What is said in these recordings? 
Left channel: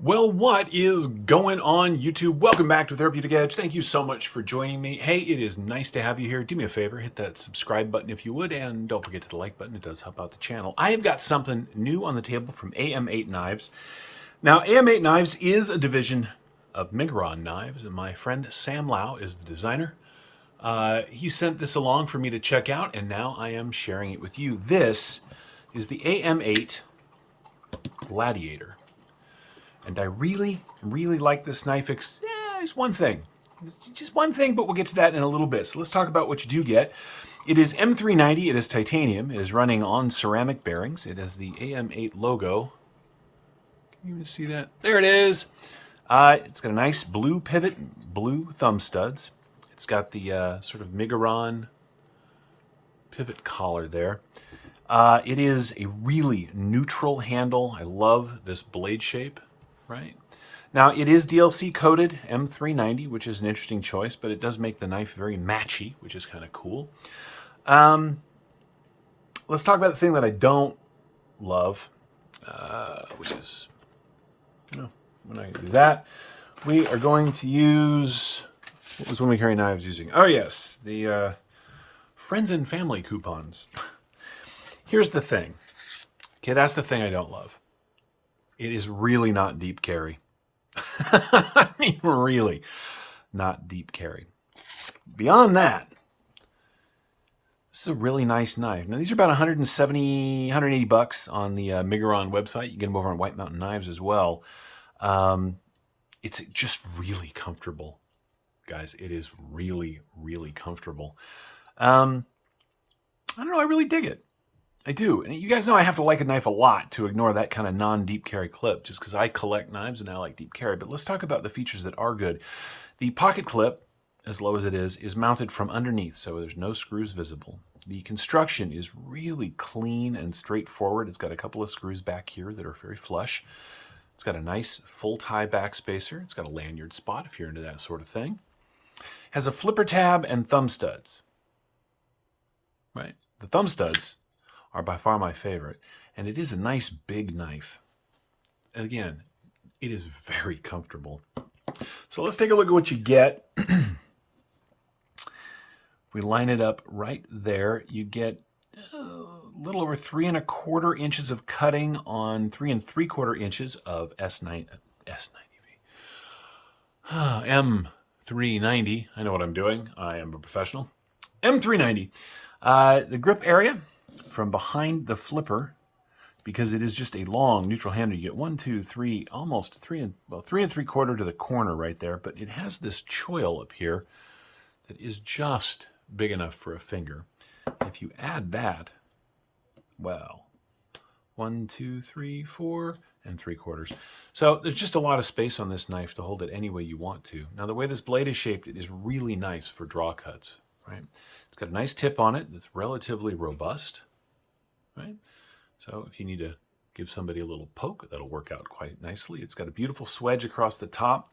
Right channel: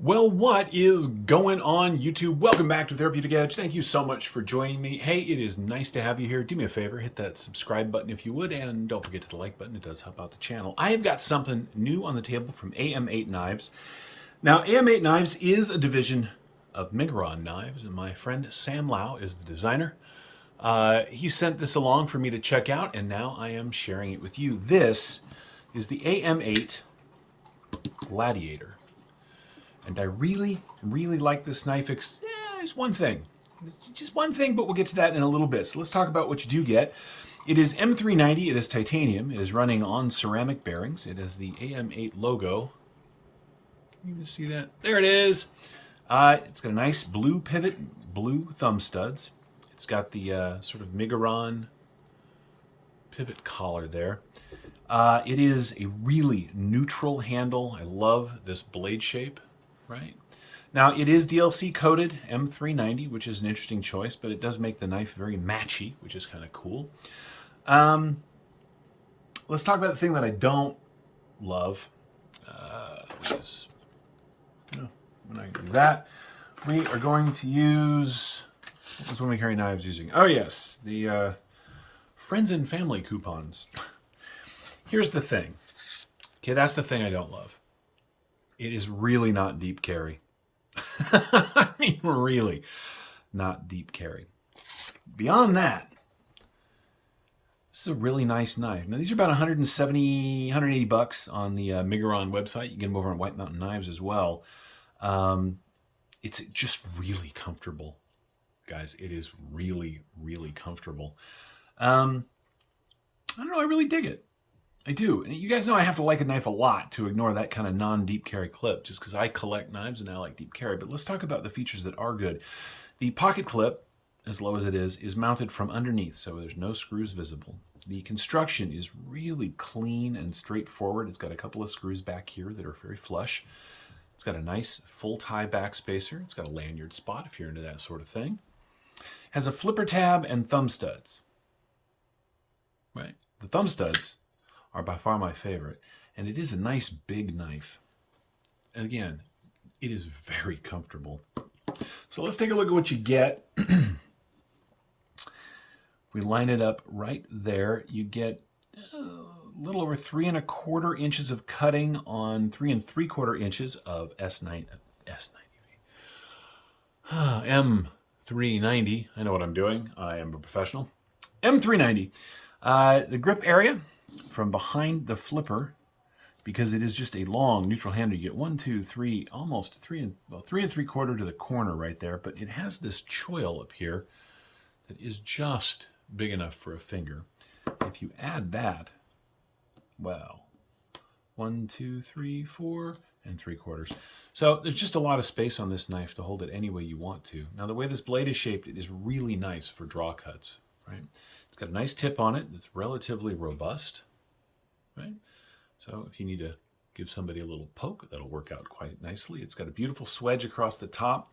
Well, what is going on, YouTube? Welcome back to Therapeutic Edge. Thank you so much for joining me. Hey, it is nice to have you here. Do me a favor, hit that subscribe button if you would, and don't forget to the like button. It does help out the channel. I have got something new on the table from AM8 Knives. Now, AM8 Knives is a division of Miguron Knives, and my friend Sam Lau is the designer. He sent this along for me to check out, and now I am sharing it with you. This is the AM8 Gladiator. And I really, really like this knife. There's one thing. It's just one thing, but we'll get to that in a little bit. So let's talk about what you do get. It is M390. It is titanium. It is running on ceramic bearings. It has the AM8 logo. Can you see that? There it is. It's got a nice blue pivot, blue thumb studs. It's got the sort of Miguron pivot collar there. It is a really neutral handle. I love this blade shape. Right. Now, it is DLC coated M390, which is an interesting choice, but it does make the knife very matchy, which is kind of cool. Let's talk about the thing that I don't love, which is, no, we're not going to do that. We are going to use, what was when we carry knives using? Oh, yes, the friends and family coupons. Here's the thing. Okay, that's the thing I don't love. It is really not deep carry. I mean, really not deep carry. Beyond that, this is a really nice knife. Now, these are about 170, 180 bucks on the Miguron website. You get them over on White Mountain Knives as well. It's just really comfortable, guys. It is really, really comfortable. I don't know. I really dig it. I do. And you guys know I have to like a knife a lot to ignore that kind of non-deep carry clip, just because I collect knives and I like deep carry. But let's talk about the features that are good. The pocket clip, as low as it is mounted from underneath, so there's no screws visible. The construction is really clean and straightforward. It's got a couple of screws back here that are very flush. It's got a nice full tie back spacer. It's got a lanyard spot if you're into that sort of thing. It has a flipper tab and thumb studs. Right? The thumb studs are by far my favorite. And it is a nice big knife. And again, it is very comfortable. So let's take a look at what you get. If we line it up right there, you get a little over 3 1/4 inches of cutting on 3 3/4 inches of M390. I know what I'm doing. I am a professional. M390. The grip area from behind the flipper, because it is just a long neutral handle. You get 1, 2, 3, almost 3 3/4 to the corner right there, but it has this choil up here that is just big enough for a finger. If you add that, well, 1, 2, 3, 4 3/4. So there's just a lot of space on this knife to hold it any way you want to. Now, the way this blade is shaped, it is really nice for draw cuts, right? It's got a nice tip on it that's relatively robust, right? So if you need to give somebody a little poke, that'll work out quite nicely. It's got a beautiful swedge across the top.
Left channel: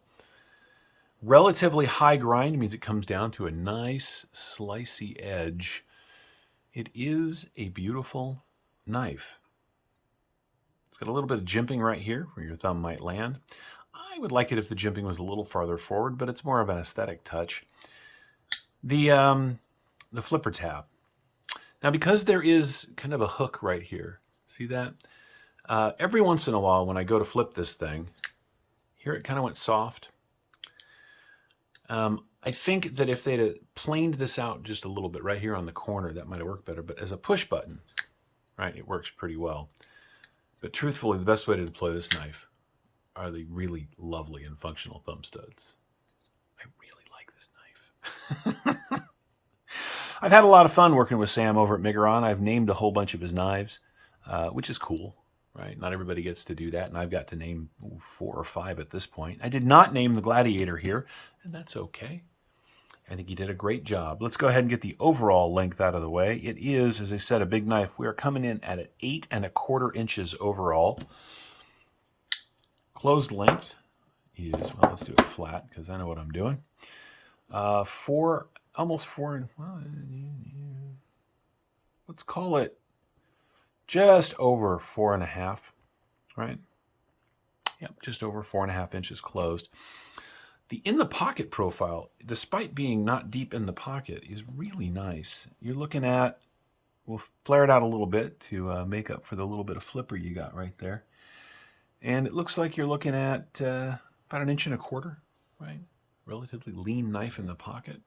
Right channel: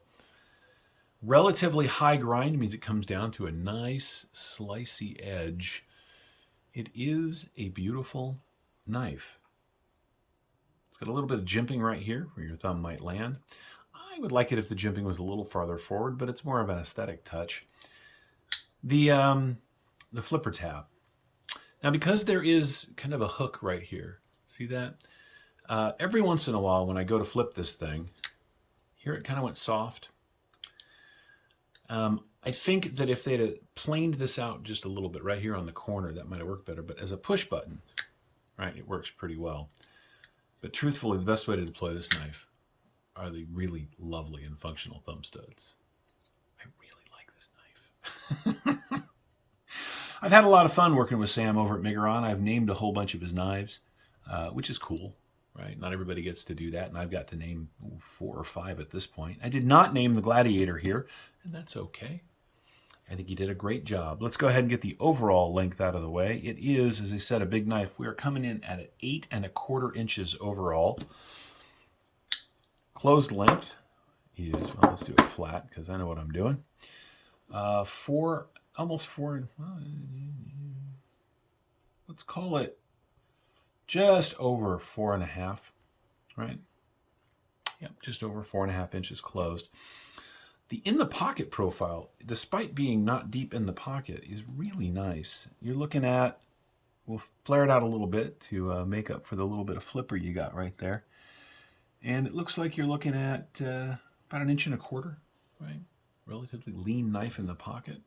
Relatively high grind means it comes down to a nice slicey edge. It is a beautiful knife. It's got a little bit of jimping right here where your thumb might land. I would like it if the jimping was a little farther forward, but it's more of an aesthetic touch. The flipper tab. Now, because there is kind of a hook right here, see that? Every once in a while when I go to flip this thing, here it kind of went soft. I think that if they'd have planed this out just a little bit right here on the corner, that might have worked better. But as a push button, right, it works pretty well. But truthfully, the best way to deploy this knife are the really lovely and functional thumb studs. I really like this knife. I've had a lot of fun working with Sam over at Miguron. I've named a whole bunch of his knives, which is cool, right? Not everybody gets to do that, and I've got to name 4 or 5 at this point. I did not name the Gladiator here, and that's okay. I think he did a great job. Let's go ahead and get the overall length out of the way. It is, as I said, a big knife. We are coming in at 8 1/4 inches overall. Closed length is, well, let's do it flat because I know what I'm doing. Almost 4, well, let's call it just over 4.5, right? Yep, just over 4.5 inches closed. The in the pocket profile, despite being not deep in the pocket, is really nice. You're looking at, we'll flare it out a little bit to make up for the little bit of flipper you got right there. And it looks like you're looking at about 1.25 inches, right? Relatively lean knife in the pocket.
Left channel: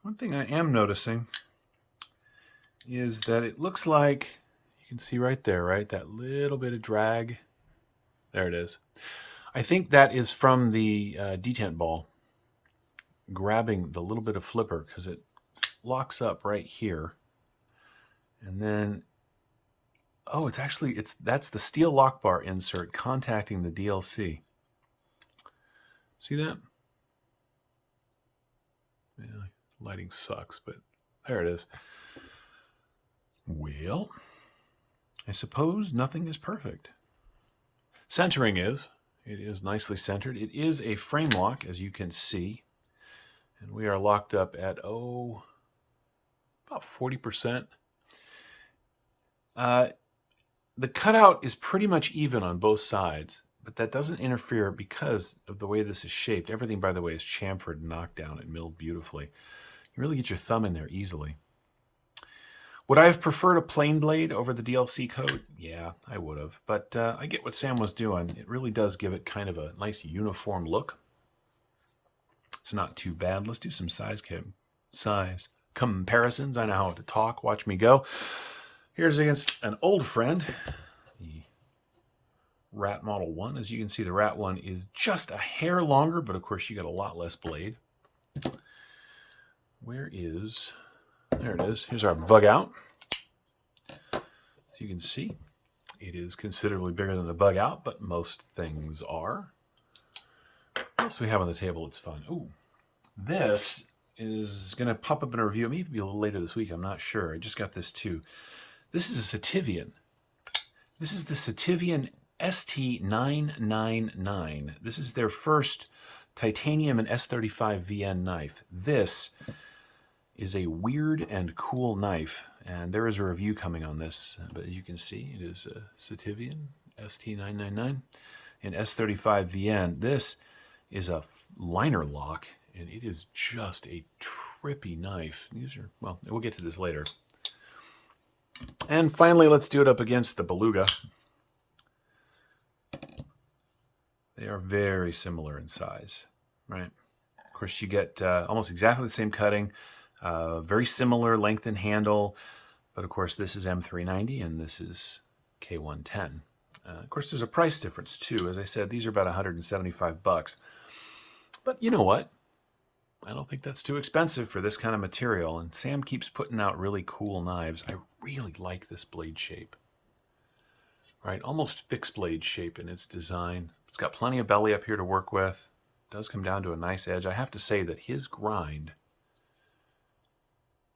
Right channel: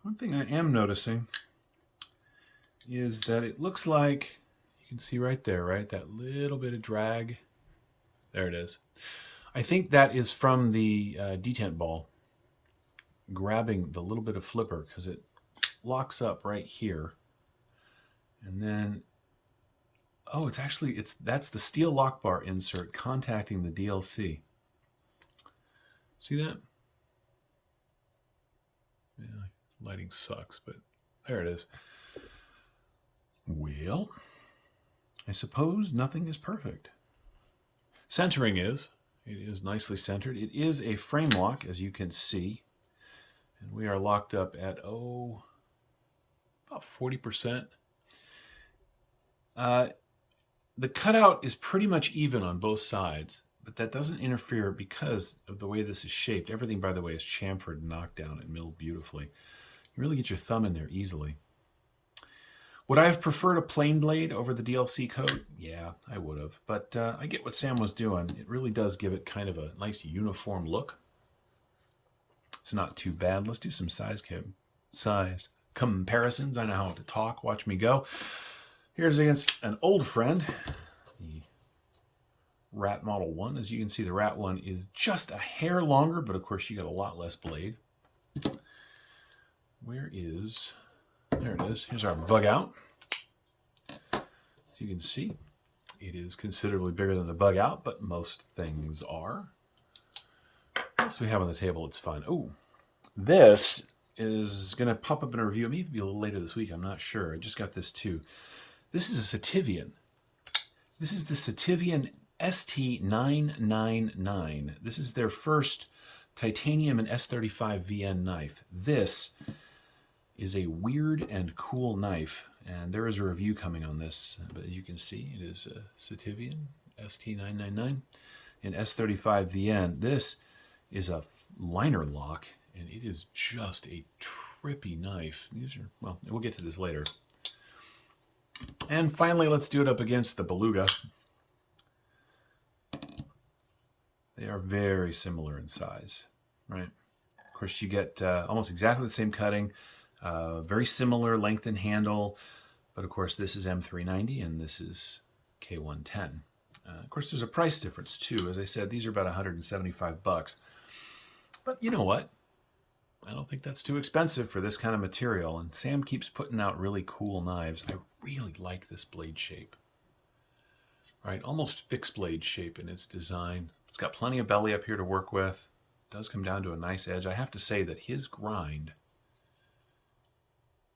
One thing I am noticing is that it looks like, you can see right there, right? That little bit of drag. There it is. I think that is from the detent ball grabbing the little bit of flipper, because it locks up right here. And then, oh, that's the steel lock bar insert contacting the DLC. See that? Yeah, lighting sucks, but there it is. Well, I suppose nothing is perfect. Centering is. It is nicely centered. It is a frame lock, as you can see. And we are locked up at, about 40%. The cutout is pretty much even on both sides, but that doesn't interfere because of the way this is shaped. Everything, by the way, is chamfered and knocked down and milled beautifully. You really get your thumb in there easily. Would I have preferred a plain blade over the DLC coat? Yeah, I would have. But I get what Sam was doing. It really does give it kind of a nice uniform look. It's not too bad. Let's do some size comparisons. I know how to talk. Watch me go. Here's against an old friend, the Rat Model 1. As you can see, the Rat 1 is just a hair longer, but of course you got a lot less blade. There it is. Here's our bug out. As you can see, it is considerably bigger than the bug out, but most things are. What else do we have on the table? It's fun. Ooh, this is going to pop up in a review. It may even be a little later this week. I'm not sure. I just got this too. This is a Sativian. This is the Sativian ST999. This is their first titanium and S35 VN knife. This is a weird and cool knife, and there is a review coming on this. But as you can see, it is a Sativian ST999 and S35 VN. This is a liner lock, and it is just a trippy knife. These are, well, we'll get to this later. And finally, let's do it up against the Beluga. They are very similar in size, right? Of course, you get almost exactly the same cutting, very similar length and handle, but of course, this is M390 and this is K110. Of course, there's a price difference too. As I said, these are about $175. But you know what? I don't think that's too expensive for this kind of material, and Sam keeps putting out really cool knives. I really like this blade shape, right? Almost fixed blade shape in its design. It's got plenty of belly up here to work with. It does come down to a nice edge. I have to say that his grind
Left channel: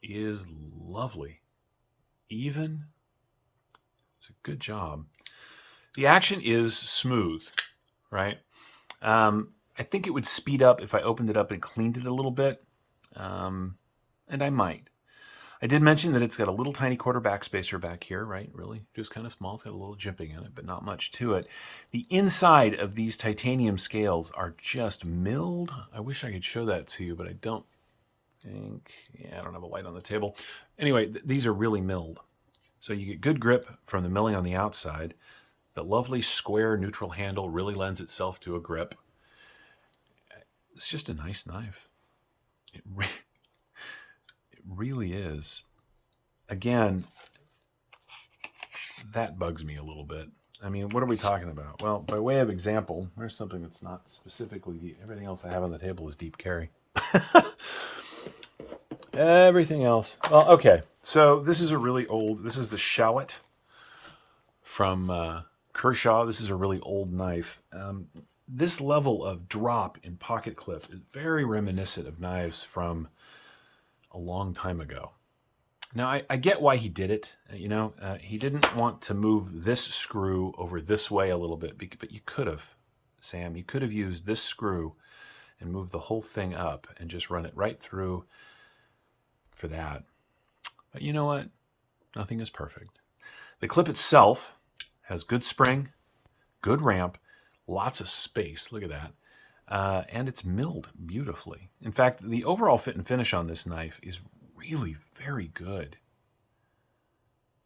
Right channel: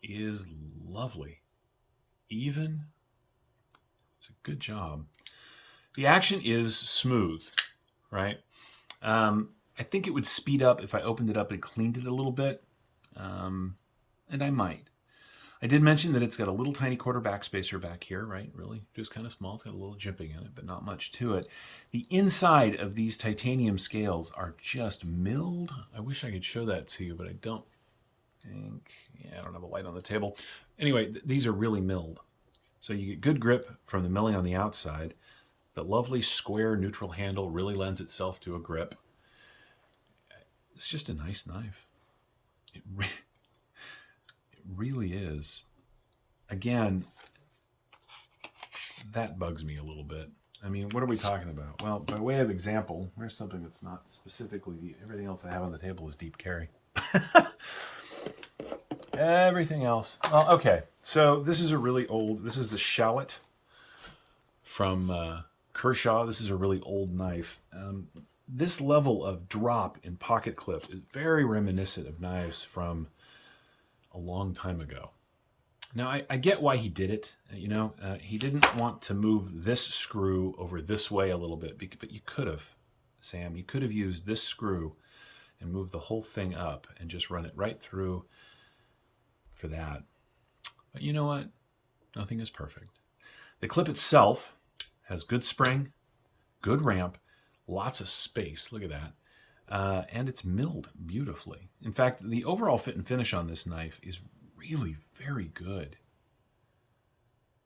is lovely. Even. It's a good job. The action is smooth, right? I think it would speed up if I opened it up and cleaned it a little bit, and I might. I did mention that it's got a little tiny quarter backspacer back here, right? Really, just kind of small. It's got a little jimping in it, but not much to it. The inside of these titanium scales are just milled. I wish I could show that to you, but I don't think, yeah, I don't have a light on the table. Anyway, these are really milled. So you get good grip from the milling on the outside. The lovely square neutral handle really lends itself to a grip. It's just a nice knife. It really is. Again, that bugs me a little bit. I mean, what are we talking about? Well, by way of example, here's something that's not specifically, everything else I have on the table is deep carry. Everything else. Well, okay. So this is a really old, this is the Shallot from Kershaw. This is a really old knife. This level of drop in pocket clip is very reminiscent of knives from a long time ago. Now, I get why he did it. You know, he didn't want to move this screw over this way a little bit, but you could have, Sam. You could have used this screw and moved the whole thing up and just run it right through for that. But you know what? Nothing is perfect. The clip itself has good spring, good ramp, lots of space. Look at that. And it's milled beautifully. In fact, the overall fit and finish on this knife is really very good.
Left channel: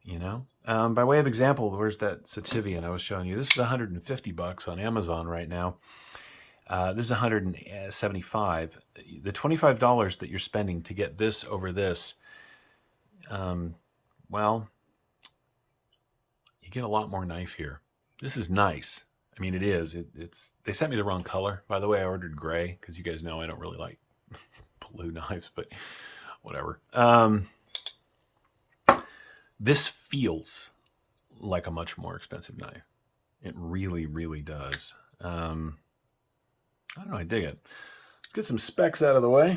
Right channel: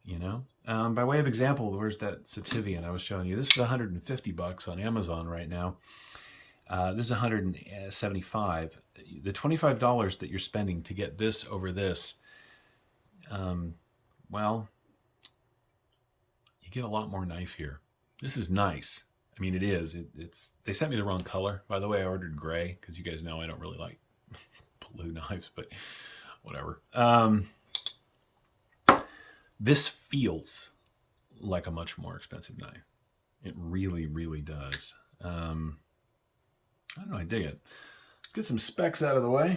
You know, by way of example, where's that Sativian I was showing you? This is $150 on Amazon right now. This is $175. The $25 that you're spending to get this over this, well, you get a lot more knife here. This is nice. I mean, it is. They sent me the wrong color. By the way, I ordered gray because you guys know I don't really like blue knives, but whatever. This feels like a much more expensive knife. It really, really does. I don't know. I dig it. Let's get some specs out of the way.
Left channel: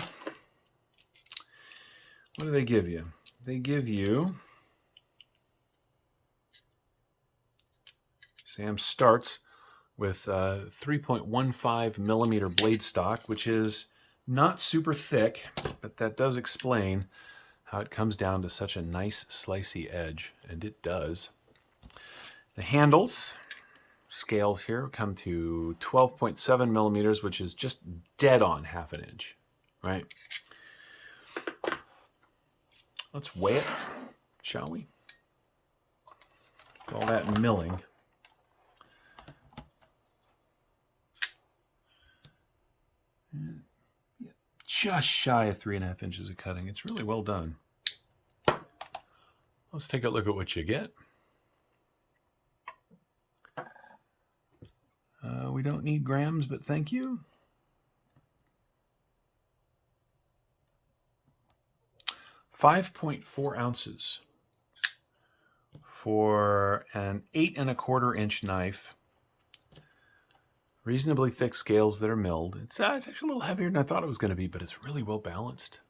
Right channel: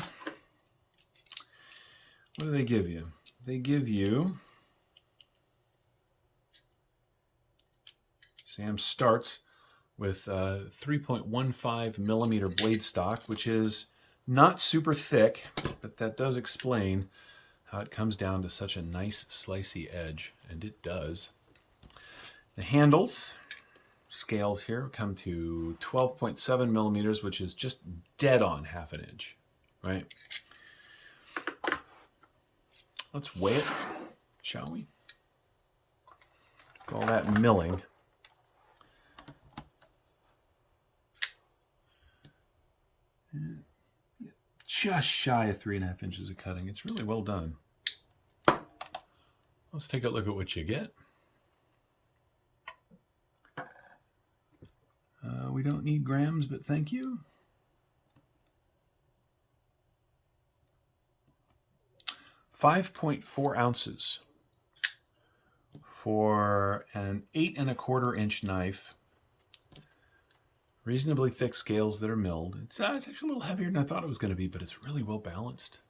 What do they give you? They give you... Sam starts with 3.15 millimeter blade stock, which is not super thick, but that does explain how it comes down to such a nice slicey edge, and it does. The handles, scales here, come to 12.7 millimeters, which is just dead on half an inch, right? Let's weigh it, shall we? All that milling. Just shy of 3.5 inches of cutting. It's really well done. Let's take a look at what you get. We don't need grams, but thank you. 5.4 ounces for an 8.25 inch knife. Reasonably thick scales that are milled. It's actually a little heavier than I thought it was going to be, but it's really well balanced.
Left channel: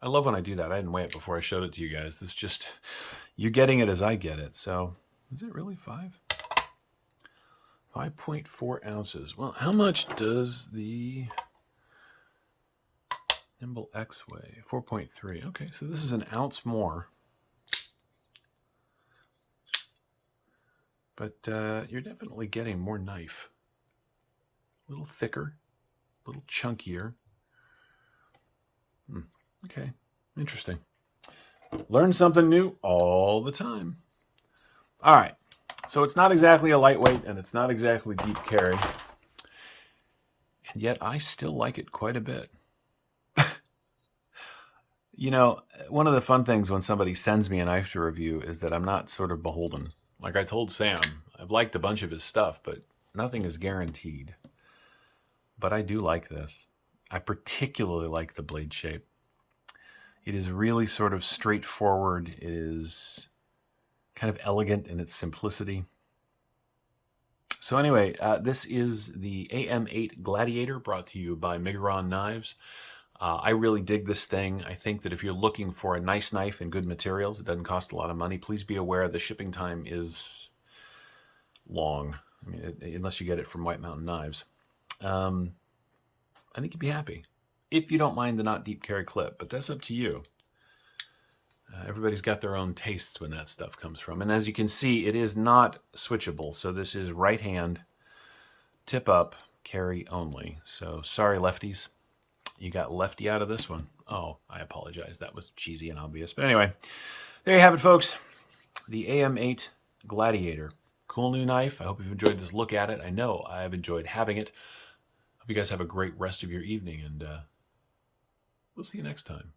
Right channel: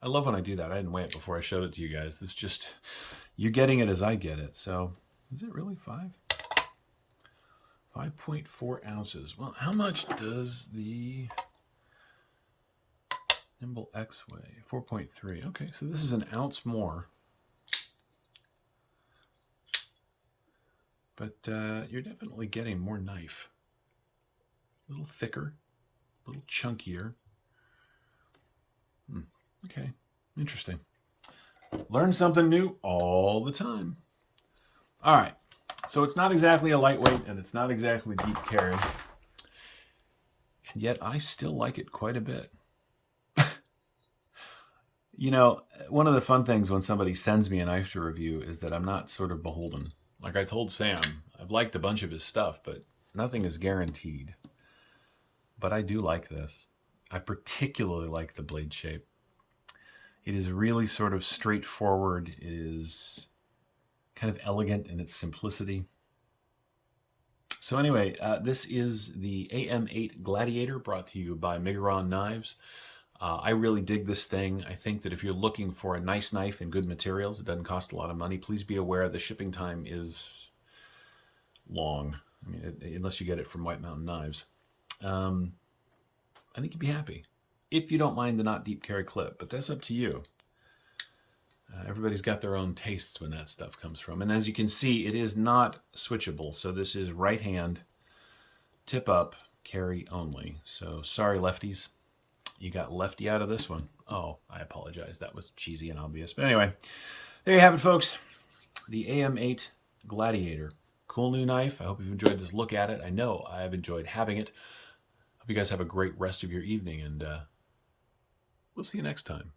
I love when I do that. I didn't weigh it before I showed it to you guys. It's just, you're getting it as I get it. So, is it really 5? 5.4 ounces. Well, how much does the Nimble X weigh? 4.3. Okay, so this is an ounce more. But you're definitely getting more knife. A little thicker, a little chunkier. Okay, interesting. Learn something new all the time. All right, so it's not exactly a lightweight and it's not exactly deep carry. And yet I still like it quite a bit. You know, one of the fun things when somebody sends me a knife to review is that I'm not sort of beholden. Like I told Sam, I've liked a bunch of his stuff, but nothing is guaranteed. But I do like this. I particularly like the blade shape. It is really sort of straightforward. It is kind of elegant in its simplicity. So anyway, this is the AM8 Gladiator brought to you by Miguron Knives. I really dig this thing. I think that if you're looking for a nice knife and good materials, it doesn't cost a lot of money. Please be aware the shipping time is long, I mean, unless you get it from White Mountain Knives. I think you'd be happy if you don't mind the not deep carry clip, but that's up to you. Everybody's got their own tastes when that stuff comes from. And as you can see, it is not switchable. So this is right hand, tip up, carry only. So sorry, lefties. You got lefty out of this one. Oh, I apologize. That was cheesy and obvious. But anyway, there you have it, folks. The AM8 Gladiator. Cool new knife. I hope you've enjoyed this look at it. I know I've enjoyed having it. Hope you guys have a great rest of your evening, and we'll see you next time.